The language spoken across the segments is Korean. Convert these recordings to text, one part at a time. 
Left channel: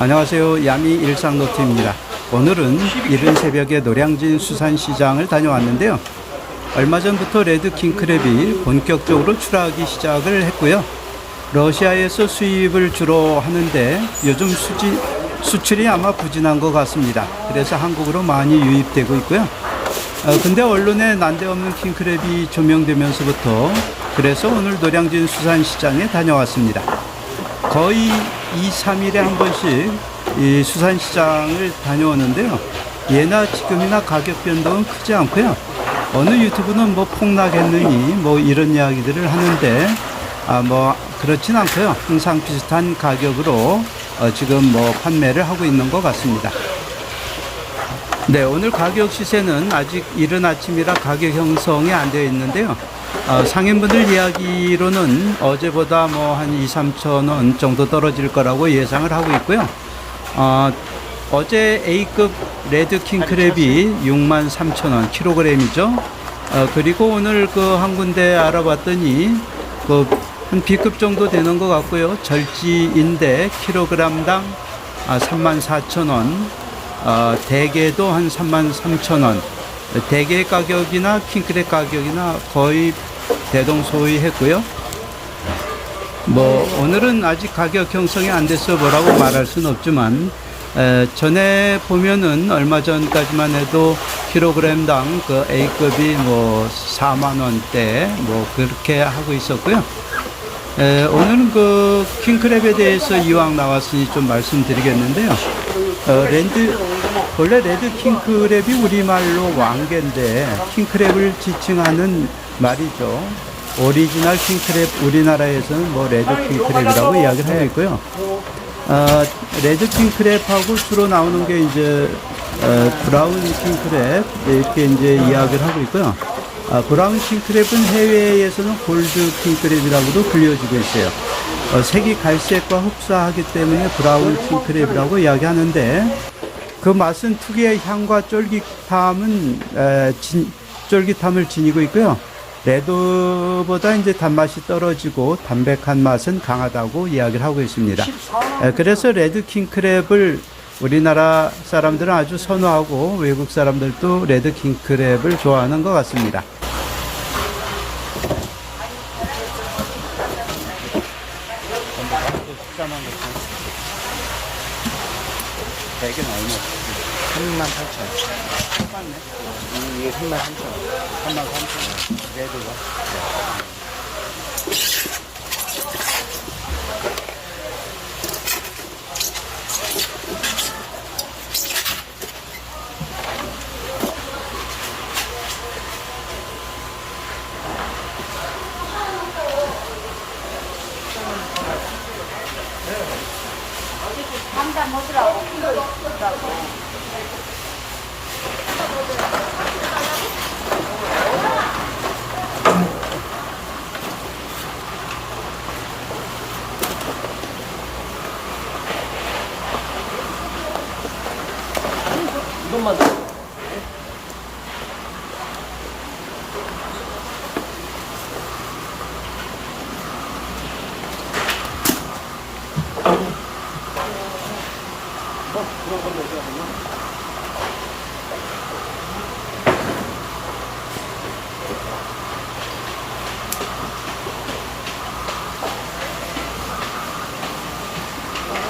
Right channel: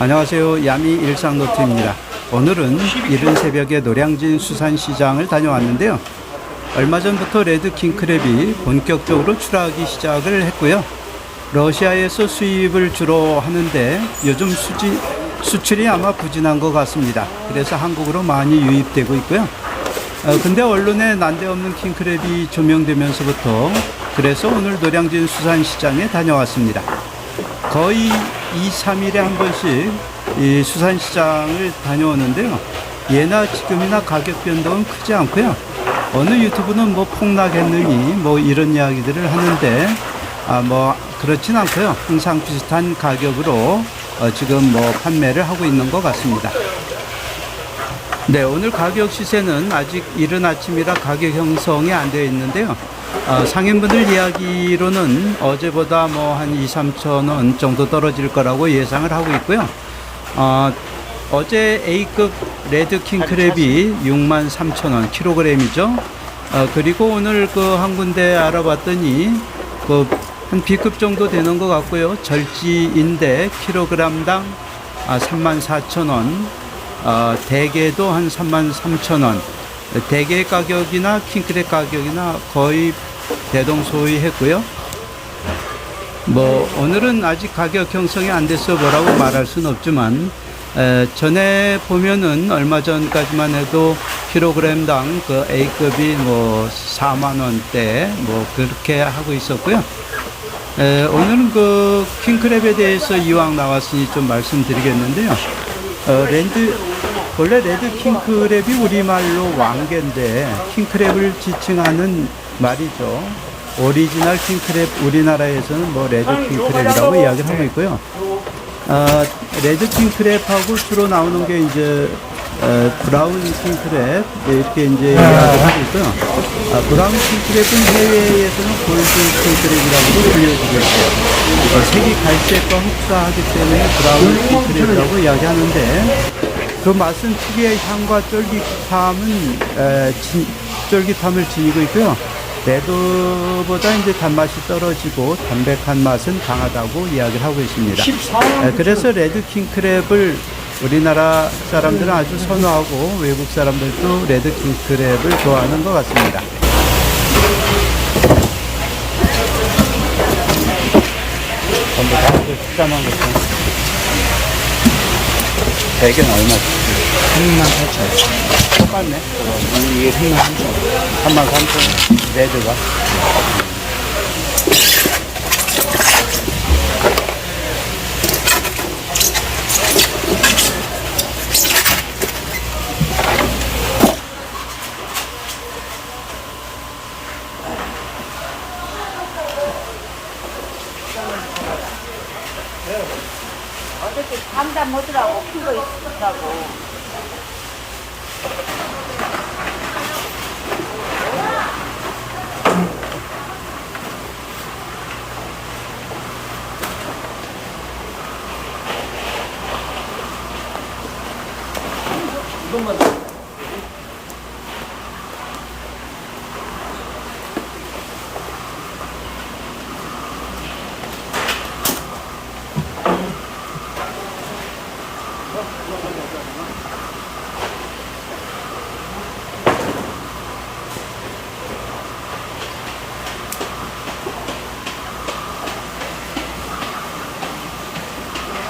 안녕하세요. 야미 일상노트입니다. 오늘은 이른 새벽에 노량진 수산시장을 다녀왔는데요. 얼마 전부터 레드 킹크랩이 본격적으로 출하하기 시작을 했고요. 러시아에서 수입을 주로 하는데 요즘 수지, 수출이 아마 부진한 것 같습니다. 그래서 한국으로 많이 유입되고 있고요. 어, 근데 언론에 난데없는 킹크랩이 조명되면서부터 그래서 오늘 노량진 수산시장에 다녀왔습니다. 거의 2, 3일에 한 번씩 이 수산시장을 다녀오는데요. 예나 지금이나 가격 변동은 크지 않고요. 어느 유튜브는 뭐 폭락했느니 뭐 이런 이야기들을 하는데 아 뭐 그렇진 않고요. 항상 비슷한 가격으로 어 지금 뭐 판매를 하고 있는 것 같습니다. 네, 오늘 가격 시세는 아직 이른 아침이라 가격 형성이 안 되어 있는데요. 어, 상인분들 이야기로는 어제보다 뭐 한 2, 3천 원 정도 떨어질 거라고 예상을 하고 있고요. 어, 어제 A급 레드 킹 크랩이 6만 3천 원 킬로그램이죠. 어, 그리고 오늘 그 한 군데 알아봤더니 그 한 B급 정도 되는 것 같고요. 절지인데 킬로그램당 아, 3만 4천 원, 어, 대게도 한 3만 3천 원. 대게 가격이나 킹크랩 가격이나 거의 대동소이했고요. 뭐 오늘은 아직 가격 형성이 안 돼서 뭐라고 말할 수는 없지만 에, 전에 보면은 얼마 전까지만 해도 킬로그램당 그 A급이 뭐 4만 원대 뭐 그렇게 하고 있었고요. 에, 오늘은 그 킹크랩에 대해서 이왕 나왔으니 좀 말씀드리겠는데요. 어, 랜드 원래 레드 킹크랩이 우리말로 왕개인데 킹크랩을 지칭하는 말이죠. 오리지널 킹크랩 우리나라에서는 뭐 레드 킹크랩이라고 이야기를 하고 있고요. 어, 레드 킹크랩하고 주로 나오는 게 이제 어, 브라운 킹크랩 이렇게 이제 이야기를 하고 있고요. 아, 브라운 킹크랩은 해외에서는 골드 킹크랩이라고도 불려지고 있어요. 어, 색이 갈색과 흡사하기 때문에 브라운 킹크랩이라고 이야기하는데 그 맛은 특유의 향과 쫄깃함은 에, 진, 쫄깃함을 지니고 있고요. 레드보다 이제 단맛이 떨어지고 담백한 맛은 강하다고 이야기를 하고 있습니다. 에, 그래서 레드 킹크랩을 우리나라 사람들은 아주 선호하고 외국 사람들도 레드 킹크랩을 좋아하는 것 같습니다. 전부 다 식감한 것처럼. 대게는 얼마지? 3만 8천 원. 똑같네. 이게 3만 3천 원. 3만 3천 원. 레드가.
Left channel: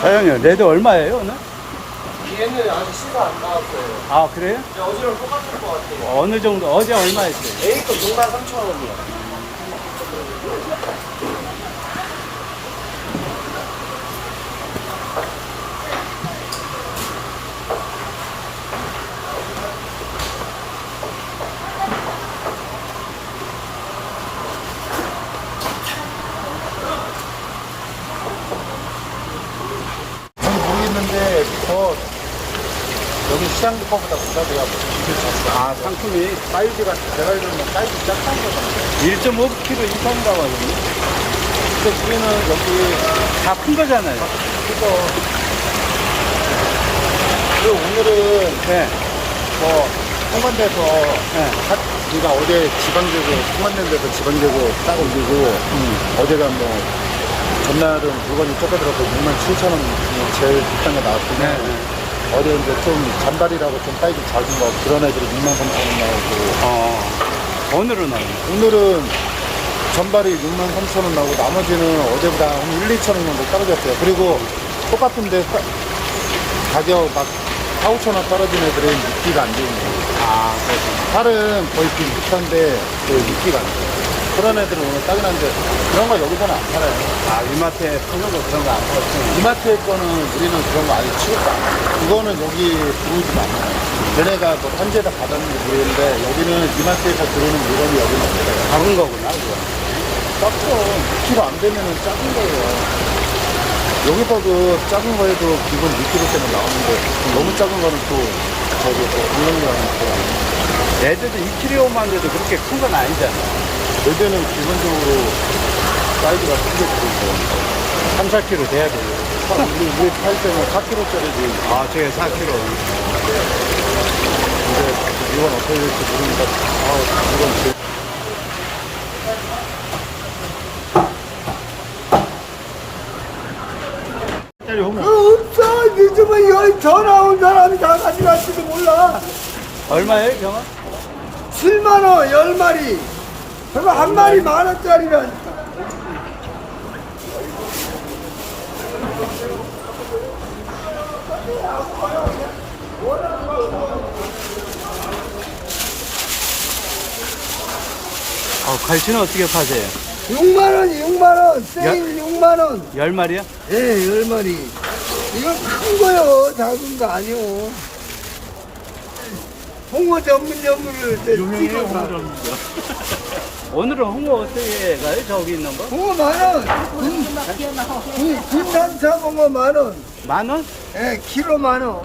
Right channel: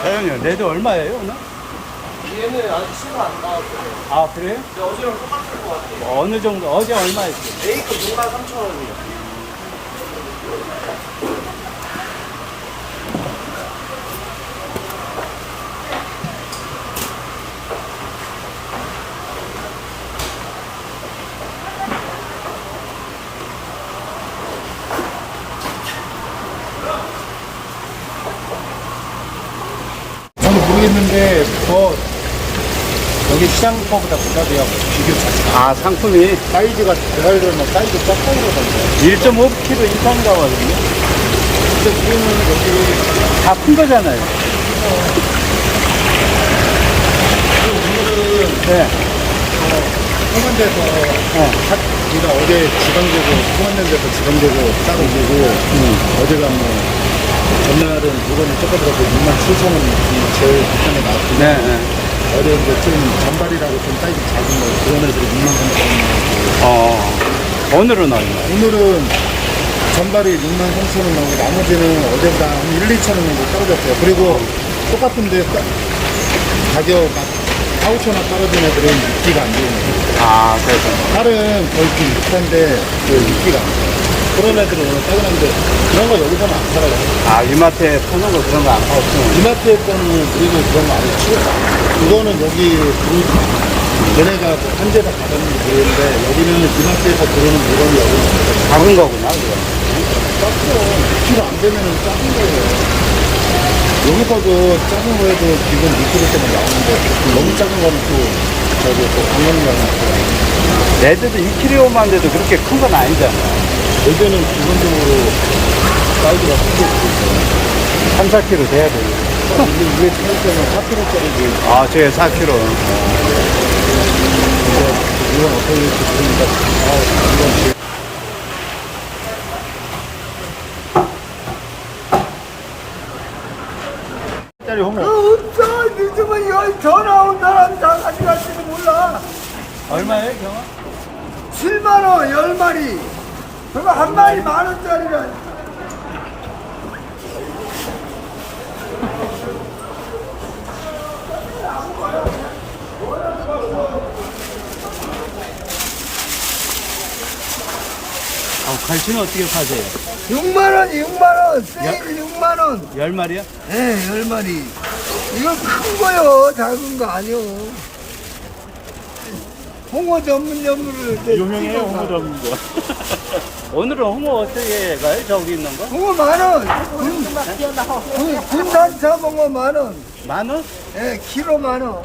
사장님, 레드 얼마예요, 오늘? 얘는 아직 수가 안 나왔어요. 아, 그래요? 어제랑 똑같은 것 같아요. 어느 정도, 어제 얼마였어요? A급 6만 3천 원이요. 잘 모르겠는데 더 여기 시장가보다 부담이야 비교 아, 상품이 사이즈가 잘 가려면 사이즈 작다는 거잖아요 1.5kg 이상 나거든요. 근데 지금은 여기 다 큰 거잖아요. 그 오늘은 네. 어, 상반대에서 네. 우리가 어제 지방제고 상반된 데서 지방제고 싸고 오고 음. 어제가 뭐 전날은 물건이 쫓겨들어서 6만 7천 원이 제일 비싼 게 나왔고 네, 네. 어제 이제 좀 잔발이라고 좀 사이즈 작은 거 그런 애들이 6만 3천 원 나오고 어, 오늘은 얼마? 오늘은 전발이 6만 3천 원 나오고 나머지는 어제보다 한 1, 2천 원 정도 떨어졌어요. 그리고 똑같은데 따- 가격 막 4, 5천 원 떨어진 애들은 입기가 안 좋은 거예요. 아, 그래서. 살은 거의 비슷한데 그 입기가 안 좋아요. 그런 애들은 오늘 따근한데 그런 거 여기서는 안 팔아요. 아, 이마트에 파는 거 그런 거 안 팔았어. 이마트에 거는 우리는 그런 거 아직 치웠다. 이거는 여기 들어오지 마. 얘네가 뭐 현재다 받았는지 모르겠는데 여기는 이마트에서 들어오는 물건이 여기는 없어요. 작은 거구나, 그거. 작죠. 2kg 안 되면 작은 거예요. 여기서도 작은 거에도 기본 2kg짜리 나오는데 너무 작은 거는 또 저기 또 강남이라는 거. 레드도 2kg만 돼도 그렇게 큰 건 아니잖아. 여기는 기본적으로 사이즈가 크게 들어있어요. 3, 4kg 돼야 돼. 근데 위에 팔 때는 4kg짜리 아, 저게 4kg. 근데 이건 어떻게 될지 모르니까 아 이건 제일 짜리 호모 없어 늦으면 여기 전화 온 사람이 다 가져갈지도 몰라 얼마예요, 경아? 7만원 10마리 저거 한 마리 만 원짜리라 아, 갈치는 어떻게 파세요? 6만원 6만원. 세일 6만원. 10마리요? 예 10마리. 이거 큰 거요. 작은 거 아니요 홍어 전문 전문을 유명해요 홍어 전문 오늘은 홍어 어떻게 가요? 저기 있는 거? 홍어 만 원 군, 군, 군산 잡홍어 만 원 만 원? 예 키로 만 원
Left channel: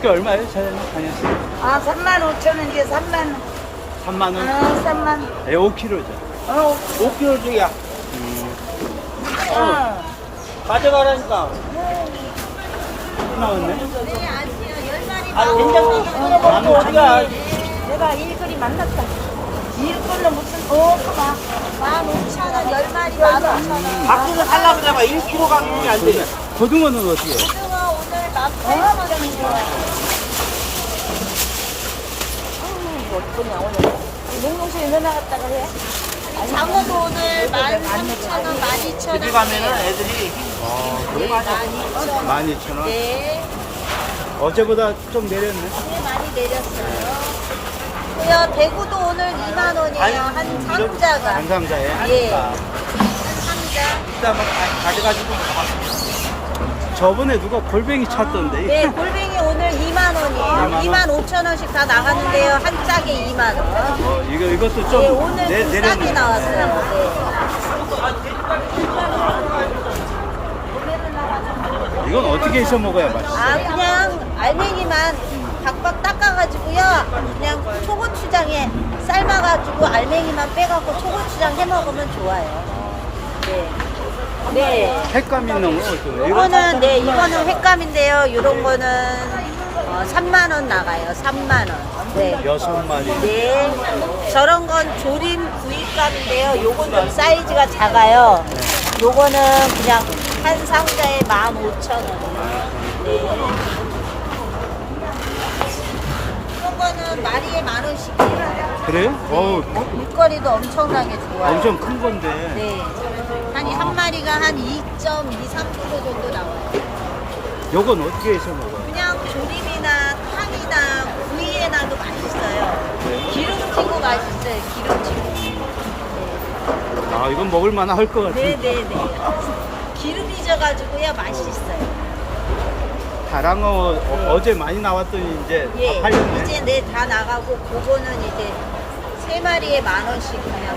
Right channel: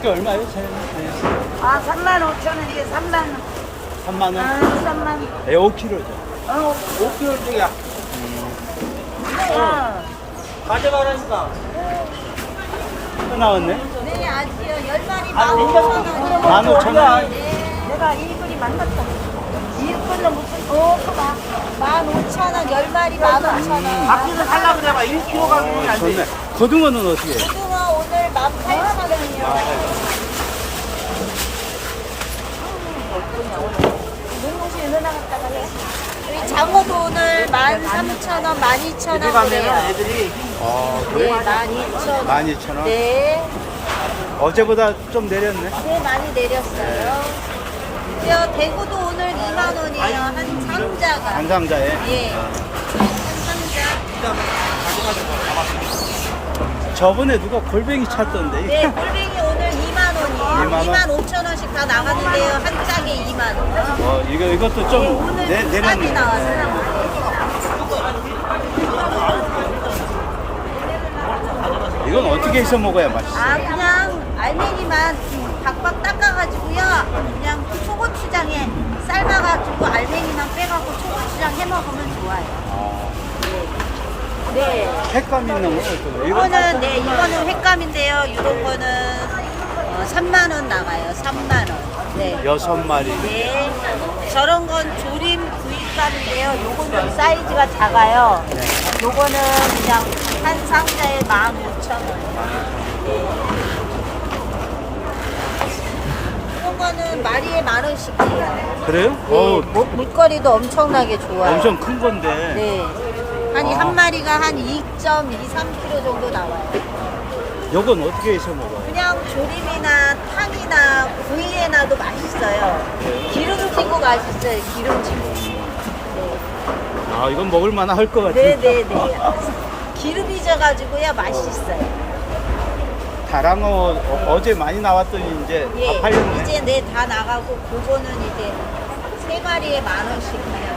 꽃게 얼마예요, 사장님? 아, 3만 5천 원, 이제 3만 원. 3만 원? 아, 3만 원. 예, 5kg죠. 어, 5kg 중이야 또 나왔네? 네, 아직요. 10마리 15,000원. 15,000원? 내가 일거리 만났다. 이거는 무슨 뭐? 15,000원, 10마리 15,000원. 어, 좋네. 고등어는 어떻게 해요? 오늘 18,000원. 18,000원. 냉동실에 넣어놨다가 해. 장어도 오늘 13,000원, 12,000원 그래요. 아, 그래? 12,000원. 12,000원? 네. 어제보다 좀 내렸네. 네, 많이 내렸어요. 그래요. 대구도 오늘 2만 원이에요. 한 상자가. 한 상자에? 예. 아, 한 상자. 저번에 누가 골뱅이 찾던데. 네, 골뱅이 2만 원이에요. 2만 원? 2만 5천 원씩 다 나갔는데요. 한 짝에 2만 원. 어, 이거, 이것도 네, 좀 오늘 내, 비싸게 내렸네. 나왔어요. 네. 네. 이건 어떻게 해서 먹어야 아, 맛있어요? 그냥 알맹이만 박박 닦아가지고요. 그냥 초고추장에 삶아가지고 알맹이만 빼갖고 초고추장 해 먹으면 좋아요. 아, 네. 색감 있는 건 어떤 이거? 이거는 네 이거는 횟감인데요. 이런 거는 어, 3만 원 나가요. 3만 원. 네. 여섯 마리. 네. 저런 건 조림 구이감인데요. 요건 좀 사이즈가 작아요. 네. 요거는 그냥 한 상자에 15,000원. 15,000원. 네. 이런 거는 마리에 만 원씩이에요. 그래요? 어우, 네. 물거리도 엄청나게 좋아요. 엄청 큰 건데. 네. 한, 아. 한 마리가 한 2.23kg 정도 나와요. 요건 어떻게 해서 먹어요? 조림이나 탕이나 구이에 놔도 맛있어요. 네. 기름지고 맛있어요. 기름지고. 아, 이건 먹을 만할 것 같은데. 네네네. 기름이 져가지고야 맛있어요. 다랑어 어, 제 많이 나왔더니 이제 예. 다 팔렸네. 이제 네다 나가고 그거는 이제 세 마리에 만 원씩 그냥.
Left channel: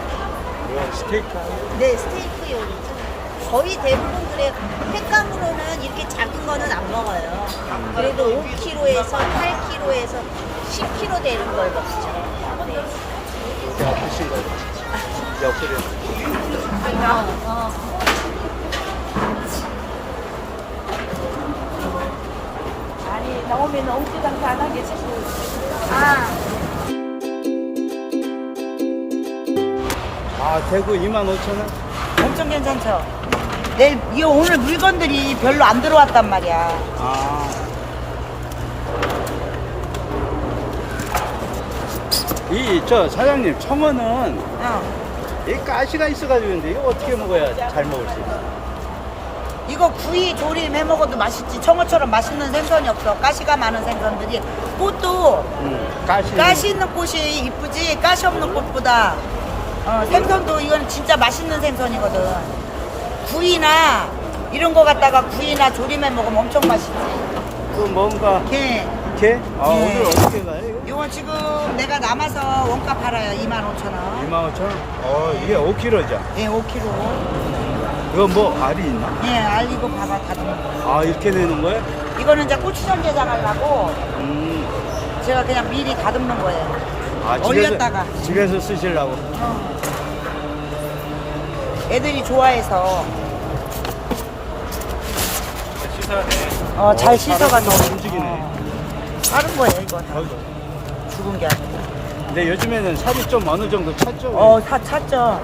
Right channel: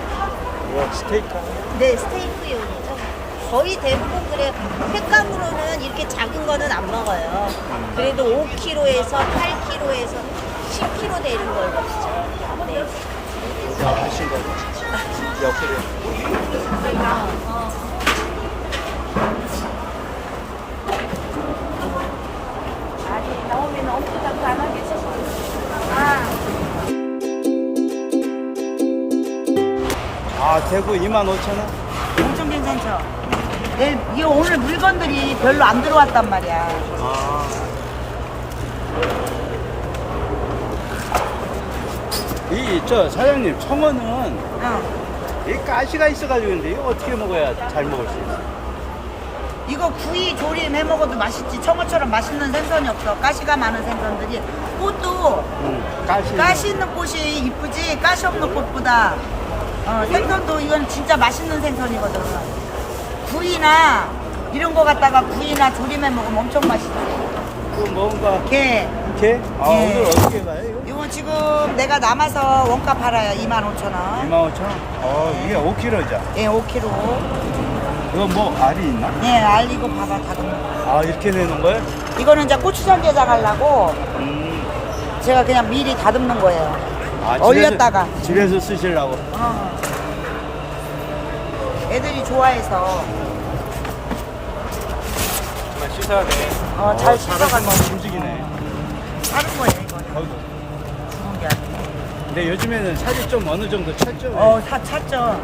이거 스테이크. 네 스테이크용이죠. 거의 대부분 그래요. 횟감으로는 이렇게 작은 거는 안 먹어요. 그래도 5kg에서 8kg에서 10kg 되는 걸 먹죠. 네. 어디 아프신 거로? 옆구리. 아, 대구 25,000원? 엄청 괜찮죠? 내일 이 오늘 물건들이 별로 안 들어왔단 말이야. 아. 이, 저, 사장님, 청어는 이 가시가 있어가지고 근데 이거 어떻게 먹어야 잘 먹을 수 있어? 이거 구이 조림 해 먹어도 맛있지. 청어처럼 맛있는 생선이 없어. 가시가 많은 생선들이. 꽃도 음, 가시. 가시 있는 꽃이 이쁘지. 가시 없는 꽃보다. 어, 생선도 이건 진짜 맛있는 생선이거든. 구이나 이런 거 갖다가 구이나 조림해 먹으면 엄청 맛있지. 그 뭔가, 게. 게? 아, 네. 오늘 어떻게 가요, 이거? 이거 지금 내가 남아서 원가 팔아요. 25,000원. 25,000원? 어, 이게 5kg죠? 예, 5kg. 이거 뭐, 알이 있나? 예, 알 이거 봐봐. 다듬는 거. 아, 이렇게 내놓은 거예요? 이거는 이제 고추장 게장 하려고 음. 제가 그냥 미리 다듬는 거예요. 아, 얼렸다가. 집에서, 집에서 쓰시려고. 어. 애들이 좋아해서. 어, 어, 잘 살아서 씻어가지고. 막 움직이네. 하는 거예요, 이거. 어이구. 죽은 게 아니고. 근데 요즘에는 살이 좀 어느 정도 찼죠? 왜? 어, 다 찼죠.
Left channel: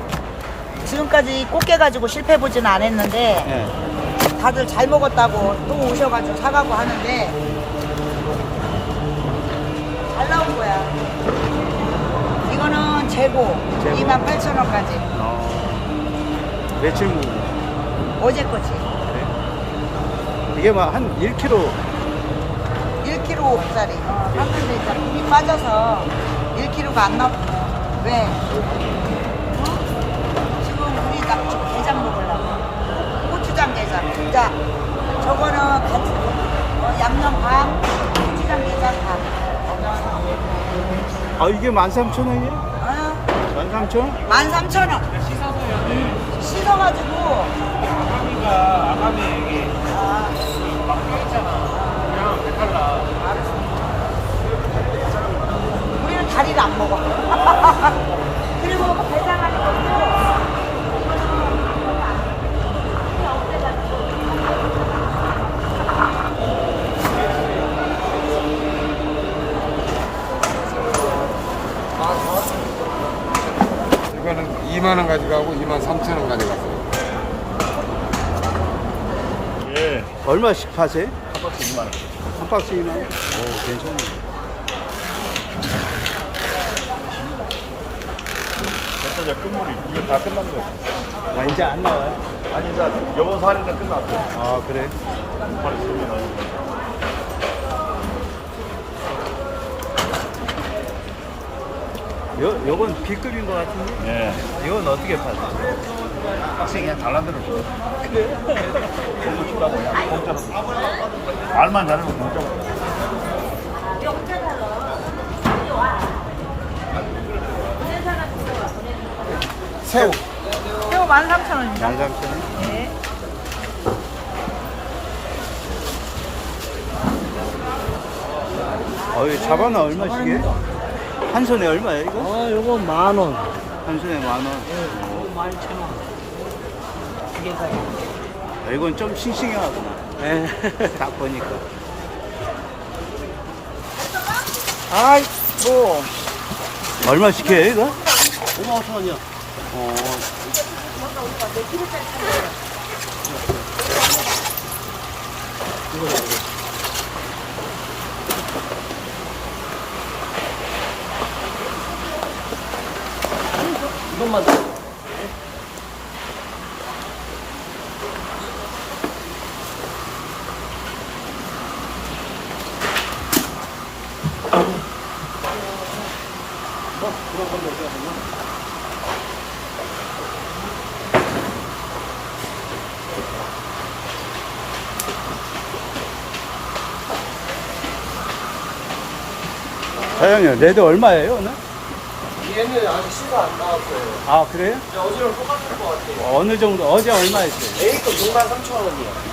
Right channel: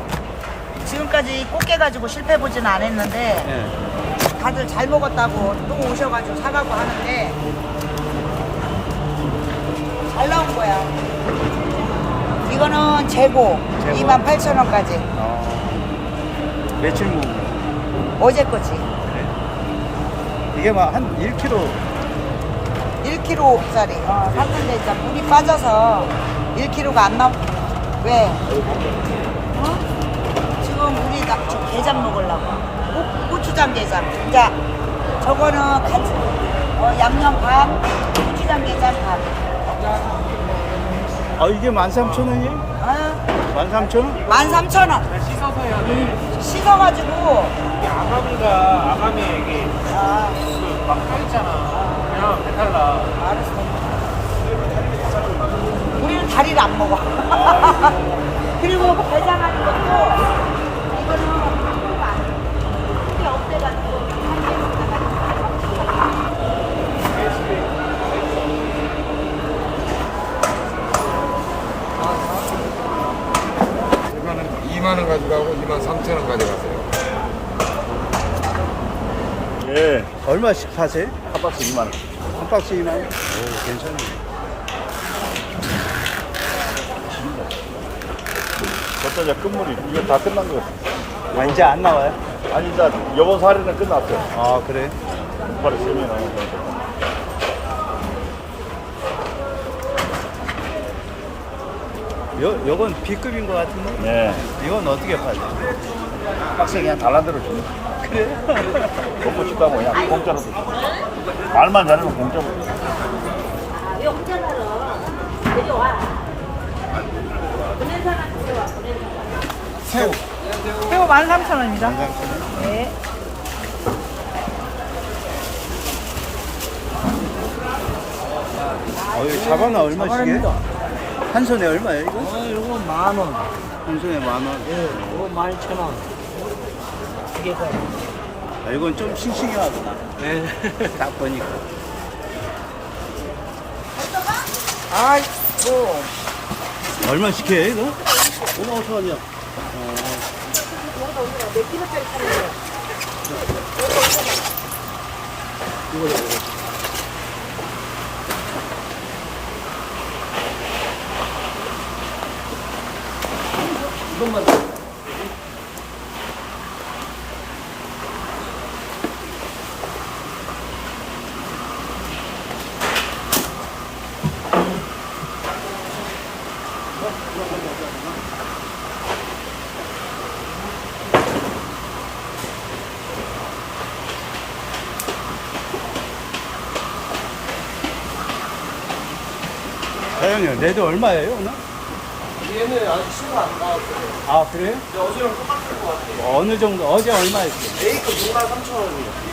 지금까지 꽃게 가지고 실패해보지는 않았는데, 예. 다들 잘 먹었다고 또 오셔가지고 사가고 하는데, 잘 나온 거야. 이거는 재고, 재고? 28,000원까지. 어. 며칠 묵은 거? 어제 거지. 그래? 이게 막 한 1kg 1kg짜리. 어, 한 일단 물이 빠져서 1kg가 안 나와. 왜? 어? 지금 우리 나 저 게장 먹으려고. 고, 고추장 게장. 이제 저거는 같이 어, 양념 반, 고추장 게장 반. 아 이게 13,000원이에요? 어? 13,000원? 13,000원. 씻어서요. 응. 씻어가지고. 아가미가 아가미 여기 그막 있잖아. 그냥 달라. 우리는 다리를 안 먹어. 그리고 게장하는 것도 이거는 2만 원 가져가고 2만 3천 원 가져가세요. 예. 얼마씩 파세요? 한 박스 2만 원. 한 박스 2만 원? 오 괜찮네 저때 이제 끝물이 이게 다 끝난 거 같아. 아 이제 안 나와요? 아니 이제 요번 살이는 끝났어. 아 그래? 바로 쓰면 요, 요건 B급인 것 같은데? 네. 이건 어떻게 파세요? 박스에 그냥 달란대로 주는. 그래? 먹고 싶다고 그냥 공짜로 주시. 말만 잘하면 공짜로. 새우 새우 13,000원입니다. 13,000원? 네. 어이 자바나 얼마씩이에요? 한 손에 얼마예요 이거? 아 이거 만 원. 한 손에 만 원. 이거 만 이천 원. 두 개가. 아, 이건 좀 싱싱하구나. 딱 보니까. 아이고. 얼마씩 해요 이거? 5만 5천 원이요. 사장님 레드 얼마예요 오늘? 얘는 아직 신고 안 나왔어요. 아 그래요? 어제랑 똑같은 거 같아요. 어느 정도 어제 얼마였어요? A급 6만 3천 원입니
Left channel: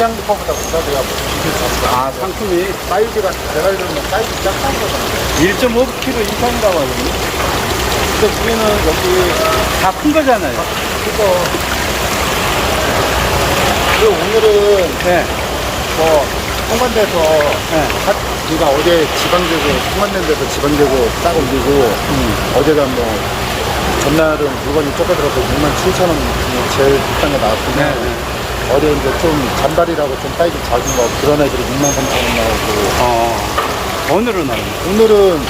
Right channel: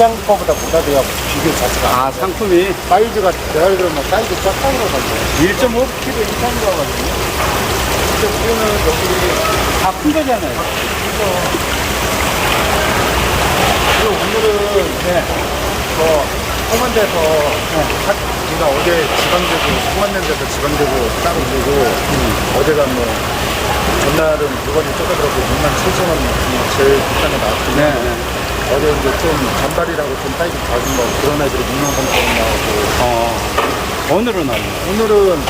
시장 거보다 비싸대요. 비교 자체가. 아, 상품이 사이즈가 대갈되면 사이즈 그러거든요. 1.5kg 이상이라고 하거든요. 근데 지금은 여기 다 큰 거잖아요. 오늘은 네. 홍만대에서 우리가 어제 지방제고 홍만대에서 지방제고 딱 올리고 어제가 뭐 전날은 물건이 똑같아서 6만 7천 원이 제일 비싼 거 나왔고 네, 네. 어제 이제 좀 잔발이라고 좀 사이즈 작은 거 그런 애들이 6만 3천 원 어, 오늘은 얼마? 오늘은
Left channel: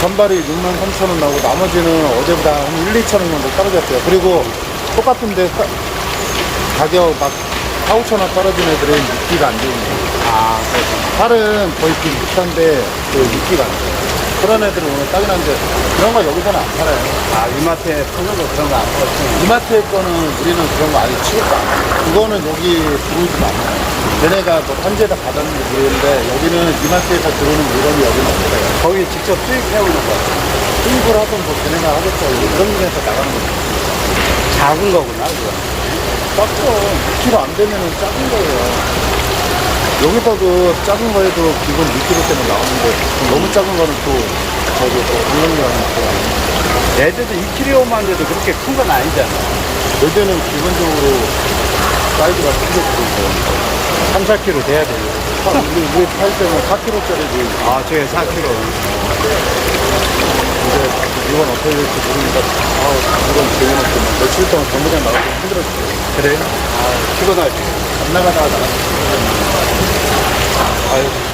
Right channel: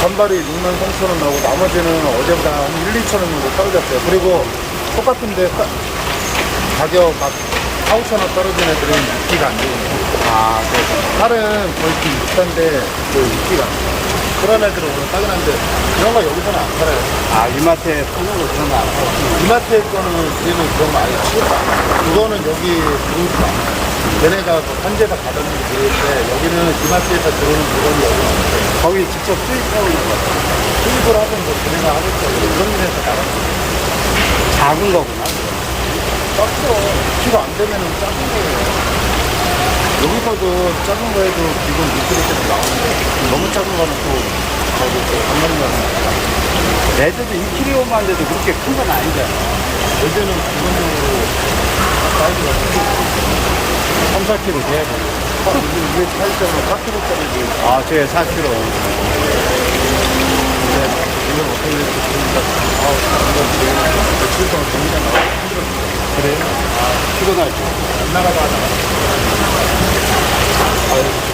전발이 6만 3천 원 나오고 나머지는 어제보다 한 1, 2천 원 정도 떨어졌어요. 그리고 똑같은데 떠- 가격 막 4, 5천 원 떨어진 애들은 입기가 안 되는 거예요. 아, 그래서. 살은 거의 좀 비슷한데 그 입기가 안 돼요. 그런 애들은 오늘 따근한데 그런 거 여기서는 안 팔아요. 아, 이마트에 파는 거 그런 거 안 팔았어. 이마트에 거는 우리는 그런 거안 해요. 취급도 안 해요. 그거는 여기 마. 얘네가 뭐 현재다 받았는지 모르겠는데 여기는 이마트에서 들어오는 물건이 여기는 없어요. 거기 직접 수입해 오는 거 같아요. 수입을 하든 뭐거 하겠다. 이런 데서 나가는 거죠. 작은 거구나, 그거. 작죠. 2kg 안 되면 작은 거예요. 여기서도 작은 거에도 기본 2kg 때문에 나오는데 너무 작은 거는 또 저기 또 강력량 레드도 2kg만 돼도 그렇게 큰 건 아니잖아. 예전은 기본적으로 사이즈가 크게 있어요. 3, 4kg 돼야 되는 근데 이게 할 때는 4kg짜리고 아, 저게 4kg. 이건 어떻게 될지 모르니까 아 이건 지금 며칠 동안 정리가 나오고 힘들었어요. 그래? 아, 피곤하지. 안 나가다가 아유,